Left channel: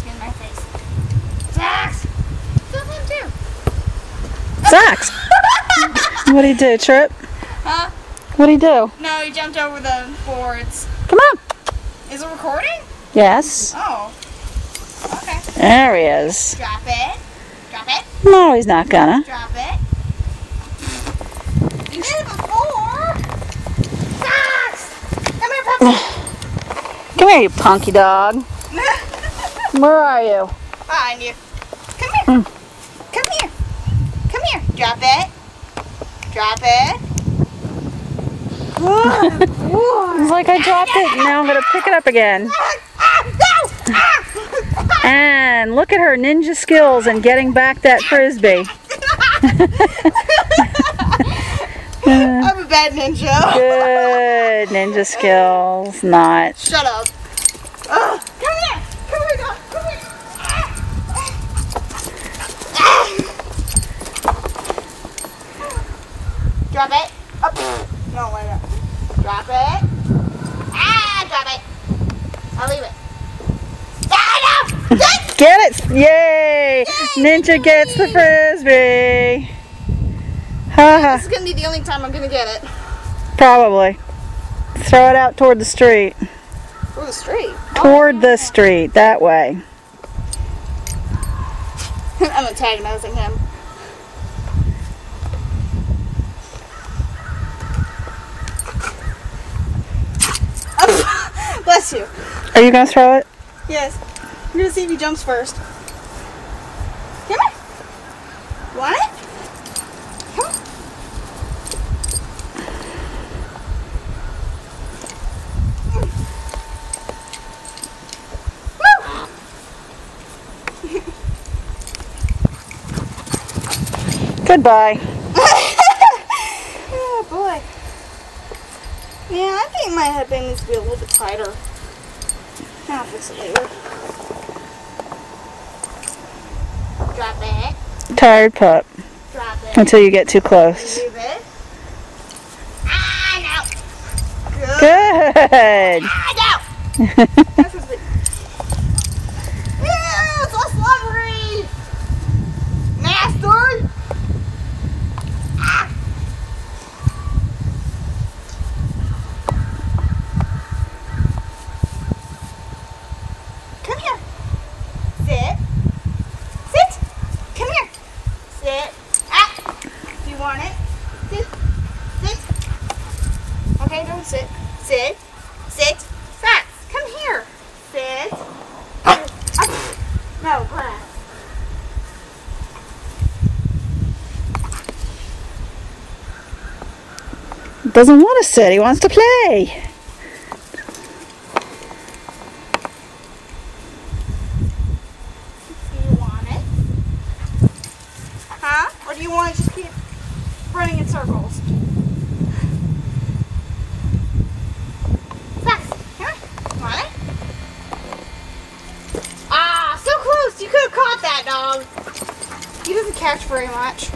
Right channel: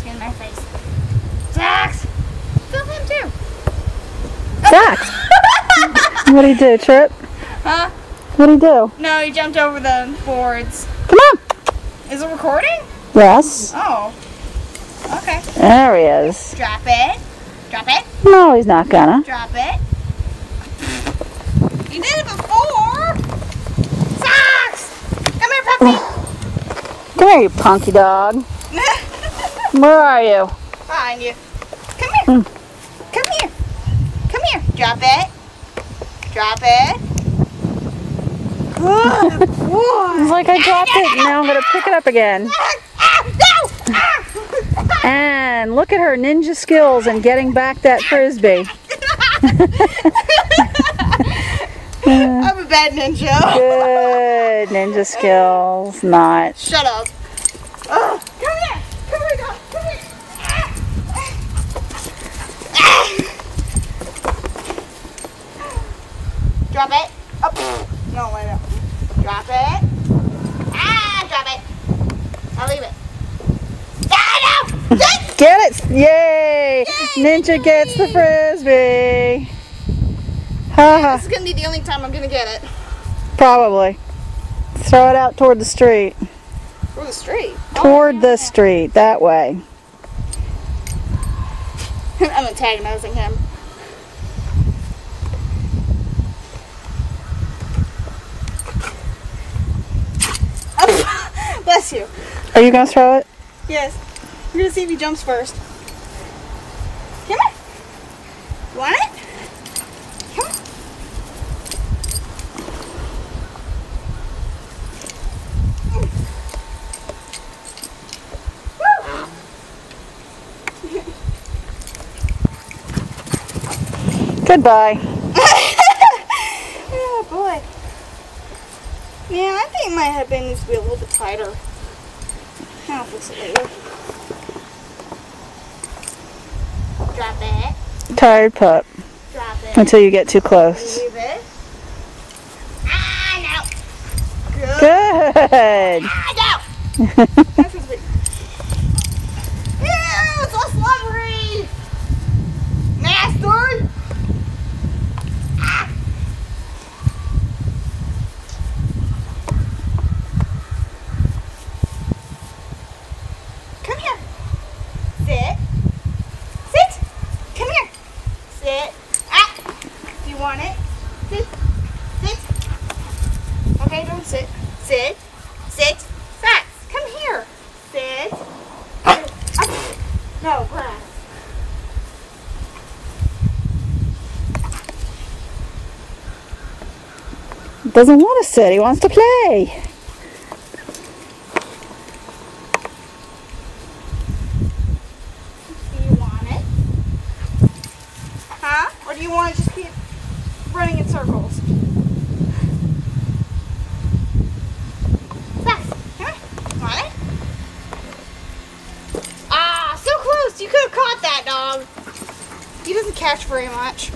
frisbee in my face. Zax! Film him too. Zax! What'd he do, Trip? Huh? What'd he do? No, he jumped over the boards. Come on! Is it recording? Yes. Oh. Okay. There he is. Drop it. Drop it. No, he's not gonna. Drop it. You did it before! Zax! Come here, puppy! Come here, you punky dog. Where are you? Behind you. Come here. Come here. Come here. Drop it. Drop it. Good boy. It's like I dropped it, and now I'm gonna pick it up again. And look at her ninja skills in getting back that frisbee. I'm a bad ninja. Good ninja skills, not. Shut up. Come here. Come here, dog. Come here. Drop it. Up. No, wait up. Drop it. Drop it. I'll leave it. No! Get it! Yay! Ninja gets the frisbee. Haha. This is going to be the only time I'm going to get it. Probably. Throw it out toward the street. Through the street? Toward the street, that way. I'm antagonizing him. Bless you. Are you going to throw it? Yes. We're going to see if he jumps first. Come on. You want it? Come on. Goodbye. Oh boy. Yeah, I think my headband needs to be a little bit tighter. I'll fix it later. Drop it. Tired pup. Drop it. Until you get too close. Leave it. No. Good. Good. No. That's what's big. Ew, it's all slobbery. Nasty. Come here. Sit. Sit. Come here. Sit. Do you want it? Sit. Sit. Okay, don't sit. Sit. Sit. Zax, come here. Sit. No, grass. Doesn't want to sit. He wants to play. Do you want it? Huh? Or do you want to just keep running in circles? Zax, come here. Want it? Ah, so close. You could have caught that dog. He doesn't catch very much.